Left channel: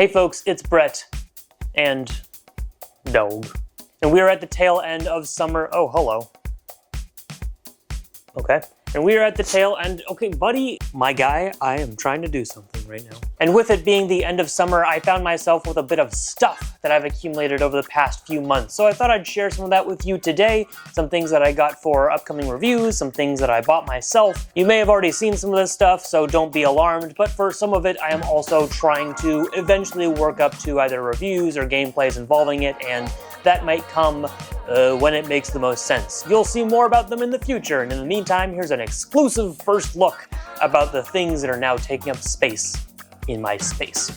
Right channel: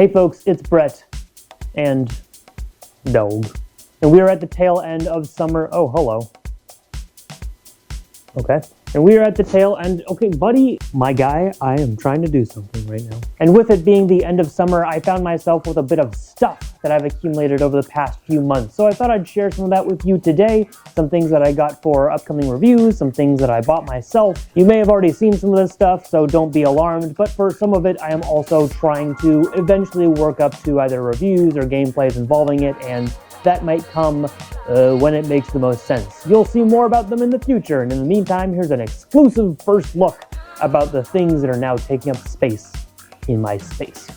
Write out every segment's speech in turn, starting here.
Hey folks, it's Bret and Dog. And we are at the tail end of summer. Oh, hello. Okay. And we are at the tail end. Okay, buddy, my guy, I am trying to do something right now. And with it being the end of summer, I found myself with a bit of stuff that I've accumulated over the past few months. So I thought I'd share some of that with you today. Some things that I got for upcoming reviews, some things that I bought myself. You may have already seen some of this stuff, so don't be alarmed. But for some of it, I am also trying to eventually work up to either reviews or gameplays involving it, and that might come when it makes the most sense. You'll see more about them in the future, and in the meantime, here's an exclusive first look about the things that are now taking up space in my space.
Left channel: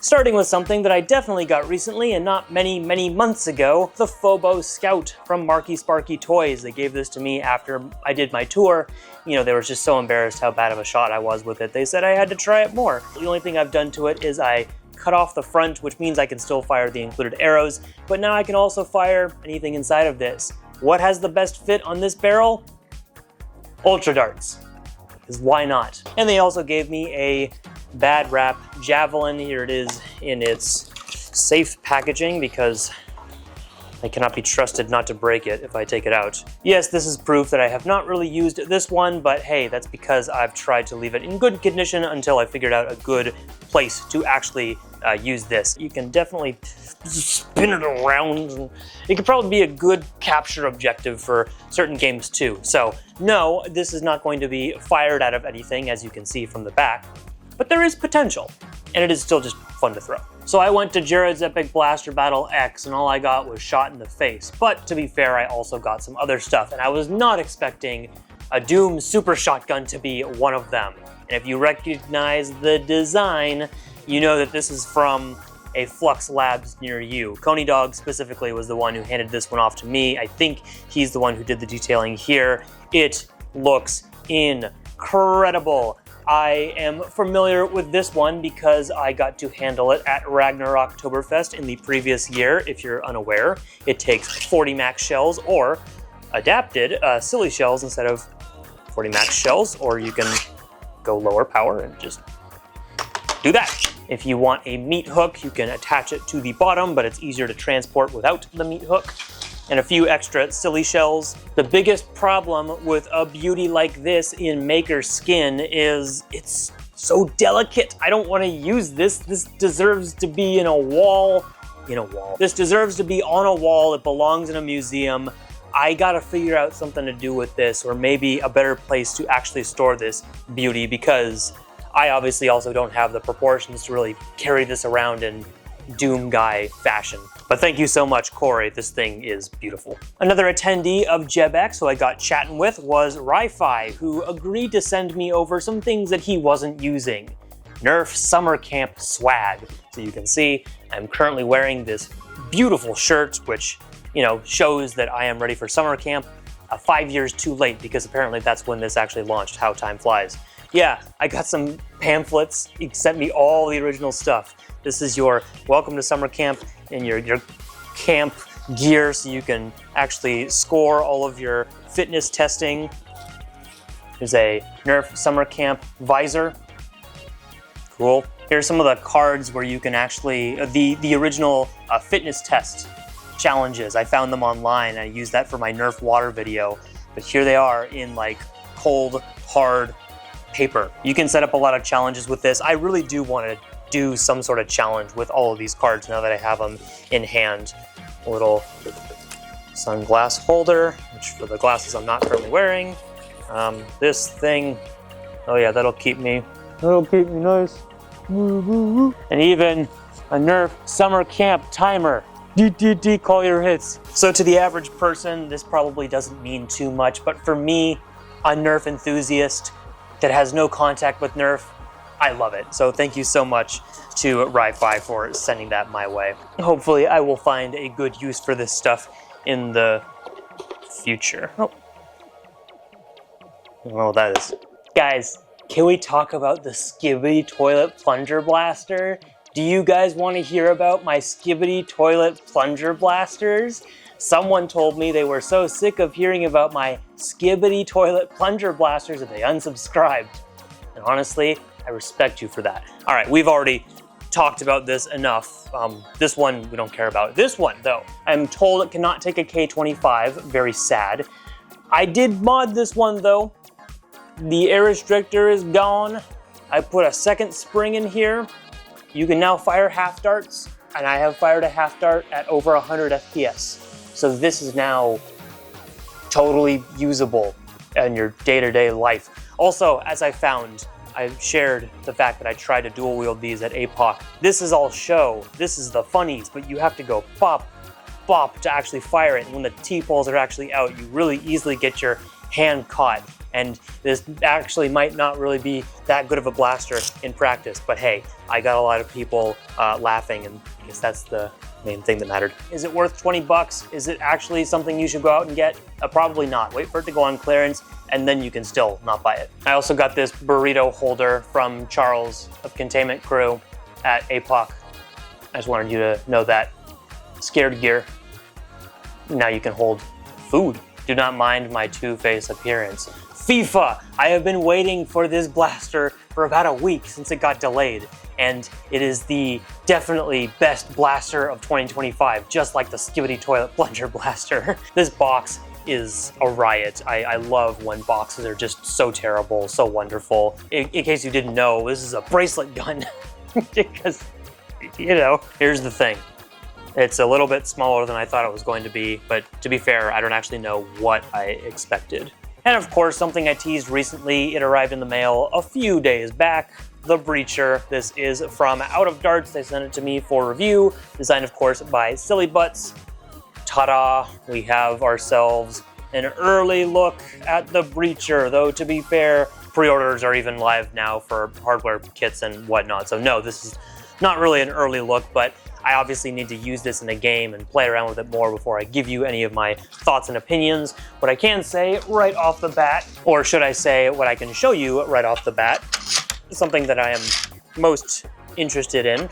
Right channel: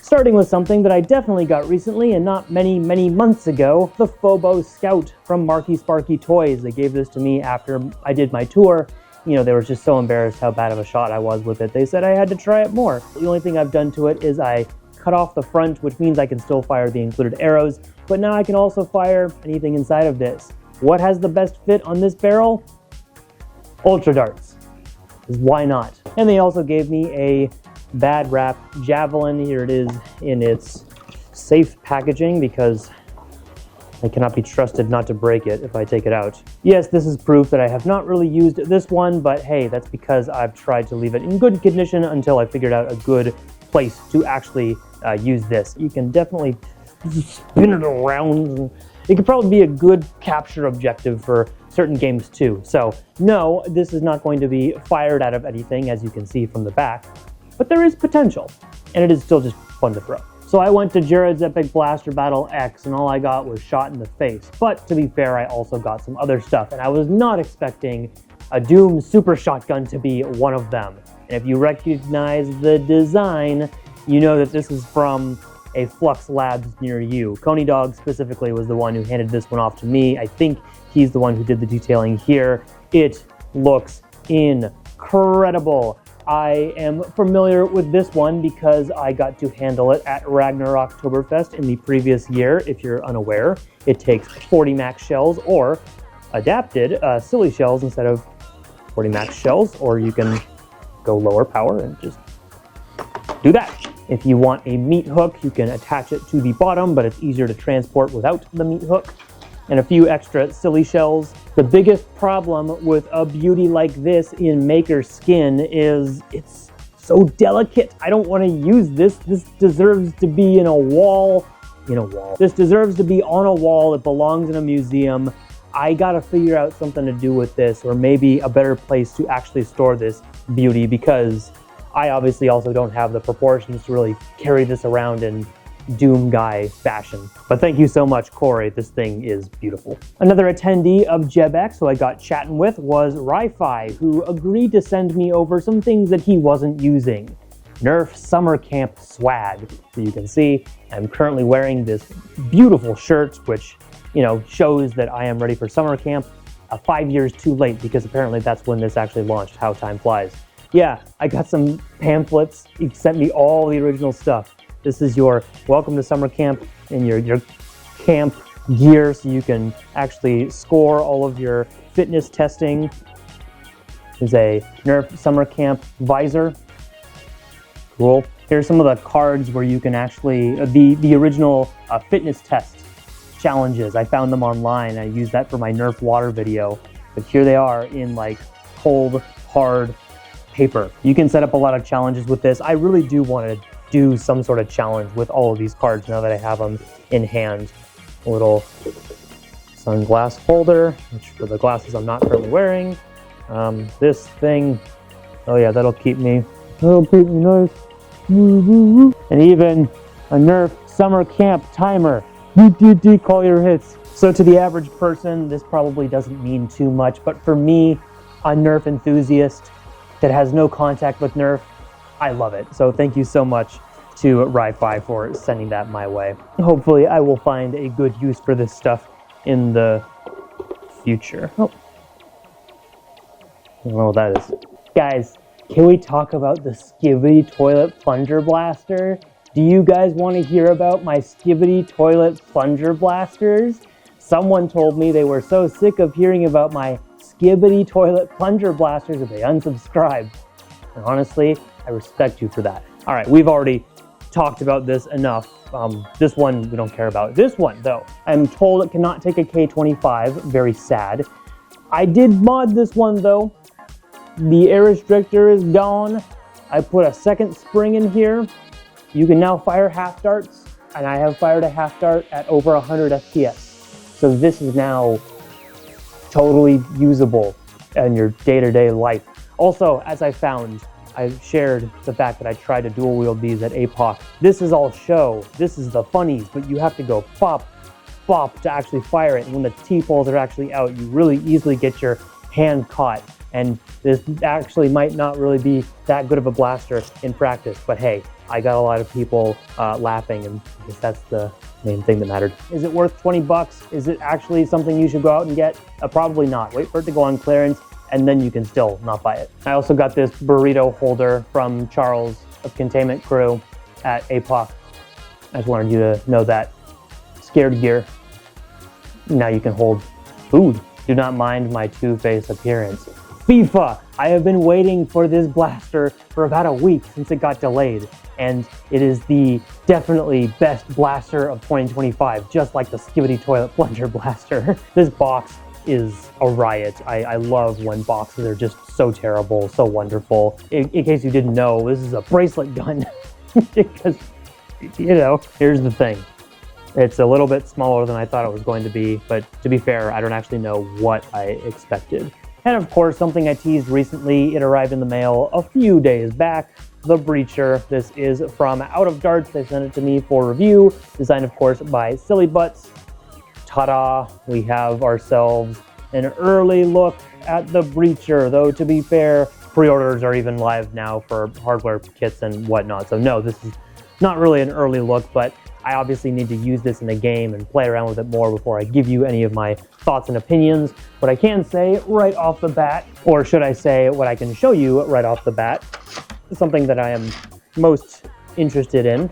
Starting with something that I definitely got recently and not many months ago, the Forteba Scout from Marky Sparky Toys. They gave this to me after I did my tour. You know, they were just so embarrassed how bad of a shot I was with it. They said I had to try it more. The only thing I've done to it is I cut off the front, which means I can still fire the included arrows, but now I can also fire anything inside of this. What has the best fit on this barrel? Ultra darts, because why not? And they also gave me a bad rap javelin. Here it is in its safe packaging because I cannot be trusted not to break it if I take it out. Yes, this is proof that I have not really used this one, but hey, that's because I've tried to leave it in good condition until I figured out a good place to actually use this. You can definitely spin it around. It could probably be a good capture objective for certain games too. So no, this is not going to be fired out of anything, as you can see from the back, but there is potential, and it is still just fun to throw. So I went to Jared's Epic Blaster Battle X, and all I got was shot in the face. But to be fair, I also got some other stuff, and I was not expecting a Doom Super Shotgun to be one of them. And if you recognize the design, you know that this is from a Flux Labs near you. Coney Dog specifically was the one who handed this one off to me. I think he's the one who did the detailing here. It looks incredible. I am familiar with this one because I got to handle it at Ragnarok Oktoberfest in the previous year. If you're unaware, it takes 40 max shells, or adapted silly shells instead of 40 max shells, or you can go lower power and just do that. If you want a meat hook, you can attach it to the bottom, but it's easier to transport without the meat hook. And a few extra silly shells. The biggest problem with a beauty like this in Maker Skin is it's so delicate. I don't want to use this. This deserves to be in a wall. This deserves to be on a wall. It belongs in a museum. I gotta figure out something to do with this, or maybe a better place to actually store this beauty, because I obviously also don't have the proportions to really carry this around in Doom guy fashion. But thank you so much, Corey. This thing is beautiful. Another attendee of JebX who I got chatting with was Ri-Fi, who agreed to send me over some things that he wasn't using. Nerf summer camp swag. So you can see I'm currently wearing this beautiful shirt, which, you know, shows that I am ready for summer camp 5 years too late, because apparently that's when this actually launched. How time flies. Yeah, I got some pamphlets. He sent me all the original stuff. This is your welcome to summer camp and your camp gear, so you can actually score all of your fitness testing. There's a Nerf summer camp visor. Cool. Here's some of the cards where you can actually, the original fitness test challenges. I found them online. I used that for my Nerf water video. But here they are in like cold, hard paper. You can set up a lot of challenges with this. I really do want to do some sort of challenge with all of these cards now that I have them in hand. A little sunglass holder, which for the glasses I'm not currently wearing. This thing, oh yeah, that'll keep me nice. And even a Nerf summer camp timer. Call your hits. So to the average person, this probably doesn't mean too much, but for me, a Nerf enthusiast that has no contact with Nerf, I love it. So thank you so much to Ri-Fi for sending that my way. Hopefully I will find a good use for this stuff in the future. Oh. I don't know what that is. Guys, can we talk about the Skibidi Toilet Plunger Blaster? Do you guys want to hear about my Skibidi Toilet Plunger Blasters? Someone told me they were so sick of hearing about my Skibidi Toilet Plunger Blasters that they unsubscribed. And honestly, I respect you for that. All right, we've already talked about this enough. This one we don't care about. This one though, I'm told it cannot take a K25, very sad. I did mod this one though. The air restrictor is gone. I put a second spring in here. You can now fire half darts, and I have fired a half dart at over 100 FPS. So this is now totally usable in your day-to-day life. Also, as I found, I shared the fact that I tried to dual wield these at APOC. This is all show. This is the funnies, but you have to go pop, bop to actually fire it. And when the T-poles are actually out, you really easily get your hand caught. And this actually might not really be that good of a blaster in practice, but hey, I got a lot of people laughing, and I guess that's the main thing that mattered. Is it worth 20 bucks? Is it actually something you should go out and get? Probably not. Wait for it to go on clearance, and then you can still not buy it. I also got this burrito holder from Charles of Containment Crew at APOC. I just wanted you to know that. Scared gear. Now you can hold food. Do not mind my two-face appearance. FIFA! I have been waiting for this blaster for about a week since it got delayed, and it is the definitely best blaster of 2025, just like the Skibidi Toilet Plunger blaster. This box is a riot. I love when boxes are just so terrible, so wonderful. In case you didn't know, this is a bracelet gun, because, you know, here's the thing. It's a little bit smaller than I thought it was going to be, but to be fair, I don't actually know what I expected. And of course, something I teased recently, it arrived in the mail a few days back, the Breacher. This is from Out of Darts. They sent it to me for review, designed of course by Silly Butts. Ta-da, we have ourselves an early look at the Breacher, though to be fair, pre-orders are even live now for hardware kits and whatnot. So no, this is not really an early look, but I obviously need to use this in a game and play around with it more before I give you any of my thoughts and opinions. What I can say right off the bat, or should I say what I can show you right off the bat, something that I am most interested in.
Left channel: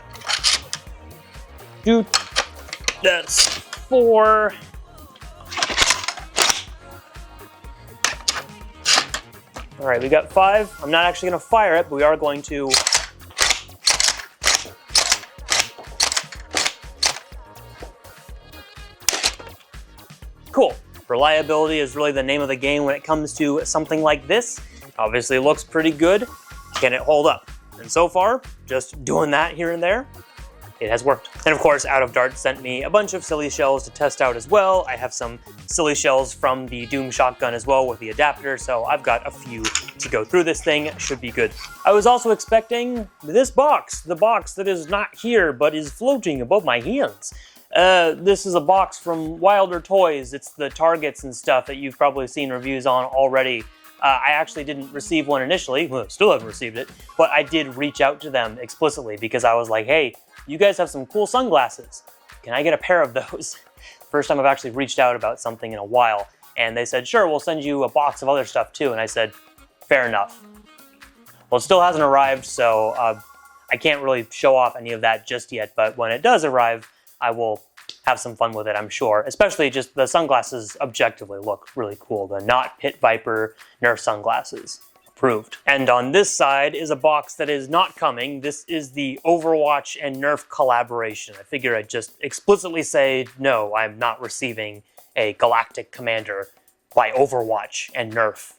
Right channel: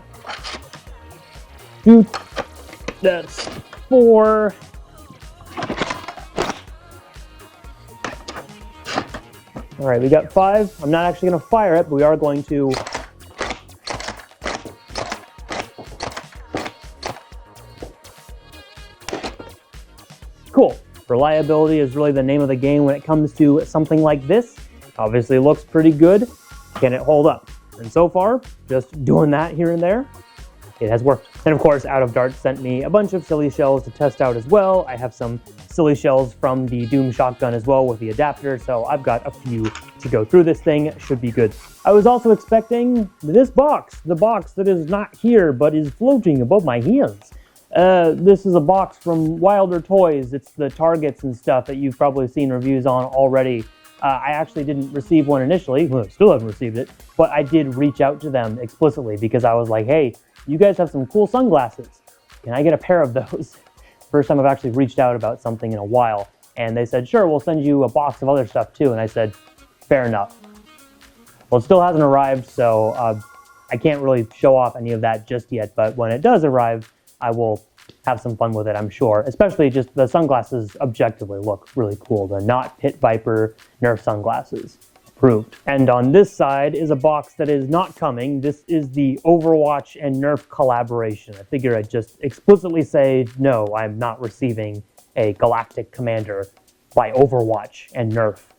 That's 4. All right, we got 5. I'm not actually gonna fire it, but we are going to cool. Reliability is really the name of the game when it comes to something like this. Obviously, it looks pretty good. Can it hold up? And so far, just doing that here and there, it has worked. And of course, Out of Darts sent me a bunch of silly shells to test out as well. I have some silly shells from the Doom shotgun as well with the adapter, so I've got a few to go through this thing. Should be good. I was also expecting this box, the box that is not here but is floating above my hands. This is a box from Wilder Toys. It's the targets and stuff that you've probably seen reviews on already. I actually didn't receive one initially, well, still haven't received it, but I did reach out to them explicitly because I was like, hey, you guys have some cool sunglasses. Can I get a pair of those? First time I've actually reached out about something in a while. And they said, sure, we'll send you a box of other stuff too. And I said, fair enough. Well, it still hasn't arrived, so I can't really show off any of that just yet. But when it does arrive, I will have some fun with it, I'm sure. Especially just the sunglasses objectively look really cool. The not Pit Viper Nerf sunglasses. Approved. And on this side is a box that is not coming. This is the Overwatch and Nerf collaboration. I figure I'd just explicitly say, no, I'm not receiving a Galactic Commander by Overwatch and Nerf.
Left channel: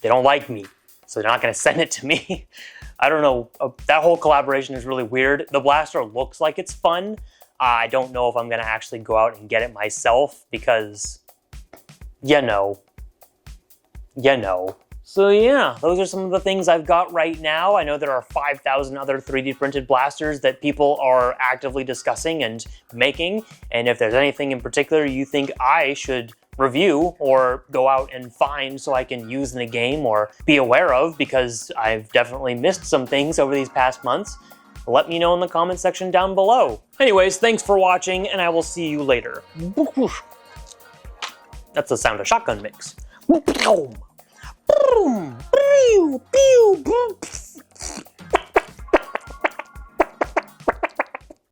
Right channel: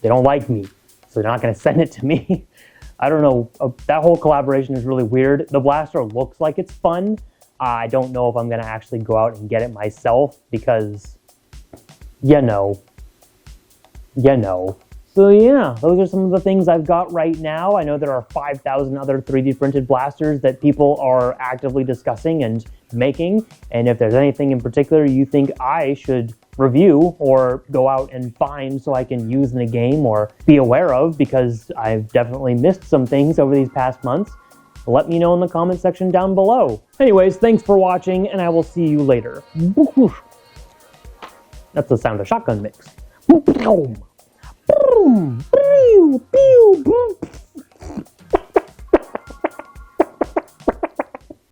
They don't like me, so they're not gonna send it to me. I don't know, that whole collaboration is really weird. The blaster looks like it's fun. I don't know if I'm gonna actually go out and get it myself because, you know. So yeah, those are some of the things I've got right now. I know there are 5,000 other 3D printed blasters that people are actively discussing and making. And if there's anything in particular you think I should review or go out and find so I can use in a game or be aware of, because I've definitely missed some things over these past months, let me know in the comment section down below. Anyways, thanks for watching, and I will see you later. That's the sound of shotgun mix. Boom, pew, pew, boom.